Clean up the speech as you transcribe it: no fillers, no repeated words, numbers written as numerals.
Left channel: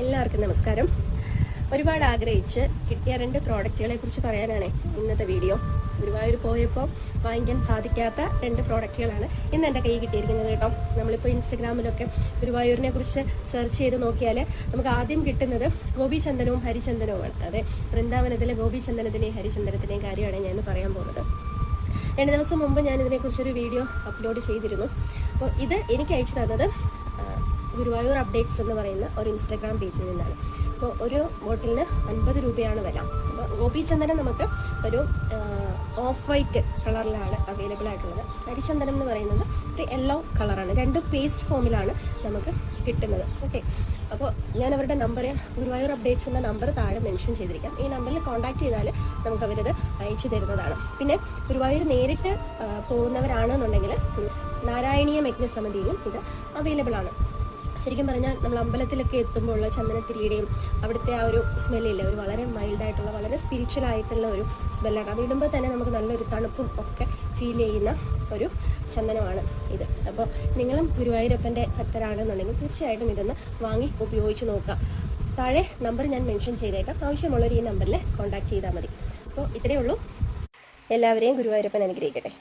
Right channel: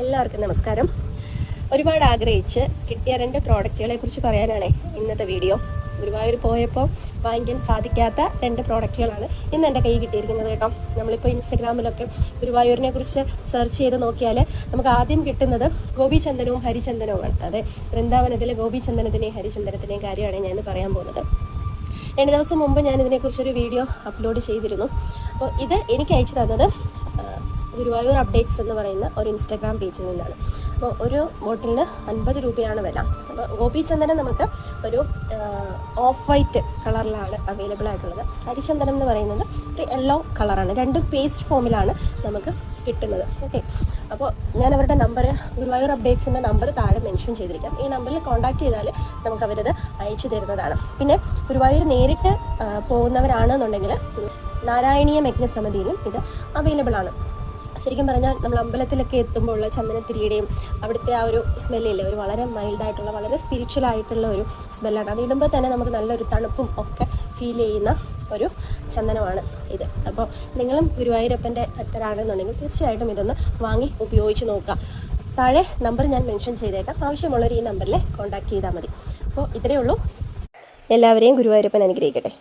എല്ലാവർക്കും നമസ്കാരം. ഒരുപാട് ആഗ്രഹിച്ച് കിട്ടിയ 2 പ്രോഡക്റ്റുകളെ കുറിച്ച് പറയാനാണ് ഇന്നത്തെ വീഡിയോ. ഗുരുവായൂർ പോയപ്പോൾ വാങ്ങിക്കാൻ സാധിക്കാത്ത 2 പ്രോഡക്റ്റുകളാണ് ഇന്ന് എൻ്റെ കയ്യിൽ കിട്ടിയിരിക്കുന്നത് കേട്ടോ. നമ്മളിപ്പോൾ ഇൻസ്റ്റഗ്രാമിലൊക്കെ ഗുരുവായൂരിനെ കുറിച്ച് സെർച്ച് ചെയ്ത് നോക്കിയാൽ നമുക്ക് ആദ്യം കിട്ടുന്നത് ഗോപിചന്ദനവും ഹരിചന്ദനവുമാണ്. അതെ, വൃന്ദാവനത്തിലെ ഗോപിചന്ദനത്തിനെയും ഹരിചന്ദനത്തിനെയും കാര്യമാണ് ഞാൻ ഇന്ന് പറയാൻ പോകുന്നത്. 2 ദിവസം മുമ്പ് ഞാൻ ഇതിനെക്കുറിച്ചൊരു വീഡിയോ അപ്ലോഡ് ചെയ്തിരുന്നു. അപ്പോൾ ഇത് എനിക്ക് അയച്ചു തന്നത് ഗുരുവായൂർ അപ്ഡേറ്റ്സ് എന്ന് പറയുന്ന ഒരു ഇൻസ്റ്റാഗ്രാം പേജിൽ നിന്നാണ്. അപ്പോൾ ഒരു ബോട്ടിലിന് 50 രൂപയാണ് വില. അപ്പോൾ ഗോപിചന്ദനം നമുക്ക് ഒരു ഓഫ് വൈറ്റ് കളറിലാണ് അവൈലബിൾ ആയിട്ടുള്ളത്. ഹരിചന്ദനം എന്ന് പറയുന്നത് ഒരു യെല്ലോ കളറാണ്. 2 പേസ്റ്റ് ഫോമിലാണ് നമുക്ക് കിട്ടുന്നത്. ഓക്കെ, അപ്പോൾ ഞാൻ അവരുടെ നമ്പർ, ഗുരുവായൂർ അപ്ഡേറ്റ്സിൻ്റെ നമ്പർ താഴെ മെൻഷൻ ചെയ്തിരിക്കാം. ഈ നമ്പറിൽ കോൺടാക്ട് ചെയ്താൽ നമുക്ക് അവരത് അയച്ചു തരുന്നതാണ്. പിന്നെ ഗുരുവായൂർ നേരിട്ട് പോകുന്നവരാണെന്നുണ്ടെങ്കിൽ നാരായണീയ യജ്ഞസമിതിയിലും ഇത് അവൈലബിൾ ആണ്. ശരിക്കും പറഞ്ഞാൽ നമ്മൾ അമ്പലത്തിലൊക്കെ എത്തുമ്പോൾ ഉള്ള ചന്ദനത്തിരിയുടെയും അവിടുത്തെ ആ ഒരു സ്മെല്ലില്ലേ, ഒരു വളരെ മൈൽഡായിട്ടുള്ള വളരെ സ്പിരിച്വൽ ആയിട്ടുള്ള ഒരു സ്മെല്ലാണ്. അത് ഇടുമ്പോൾ തന്നെ നമുക്ക് നല്ലൊരു തണുപ്പും ഒക്കെ ഫീൽ ചെയ്യുന്ന ഒരു ചന്ദനമാണ് ഇത്. അപ്പോൾ നിങ്ങളും ഗുരുവായൂരപ്പൻ്റെ ഭക്തരാണെന്നുണ്ടെങ്കിൽ തീർച്ചയായിട്ടും ഇതൊന്ന് വാങ്ങി ഉപയോഗിച്ച് നോക്കുക. താഴെ നമ്പർ ഞാൻ മെൻഷൻ ചെയ്തേക്കാം. ആവശ്യമുള്ളവർ ഈ നമ്പറിൽ കോൺടാക്ട് ചെയ്താൽ മതി. അപ്പോൾ ഇത്രയേ ഉള്ളൂ. എല്ലാവരെയും ഗുരുവായൂരപ്പൻ അനുഗ്രഹിക്കട്ടെ.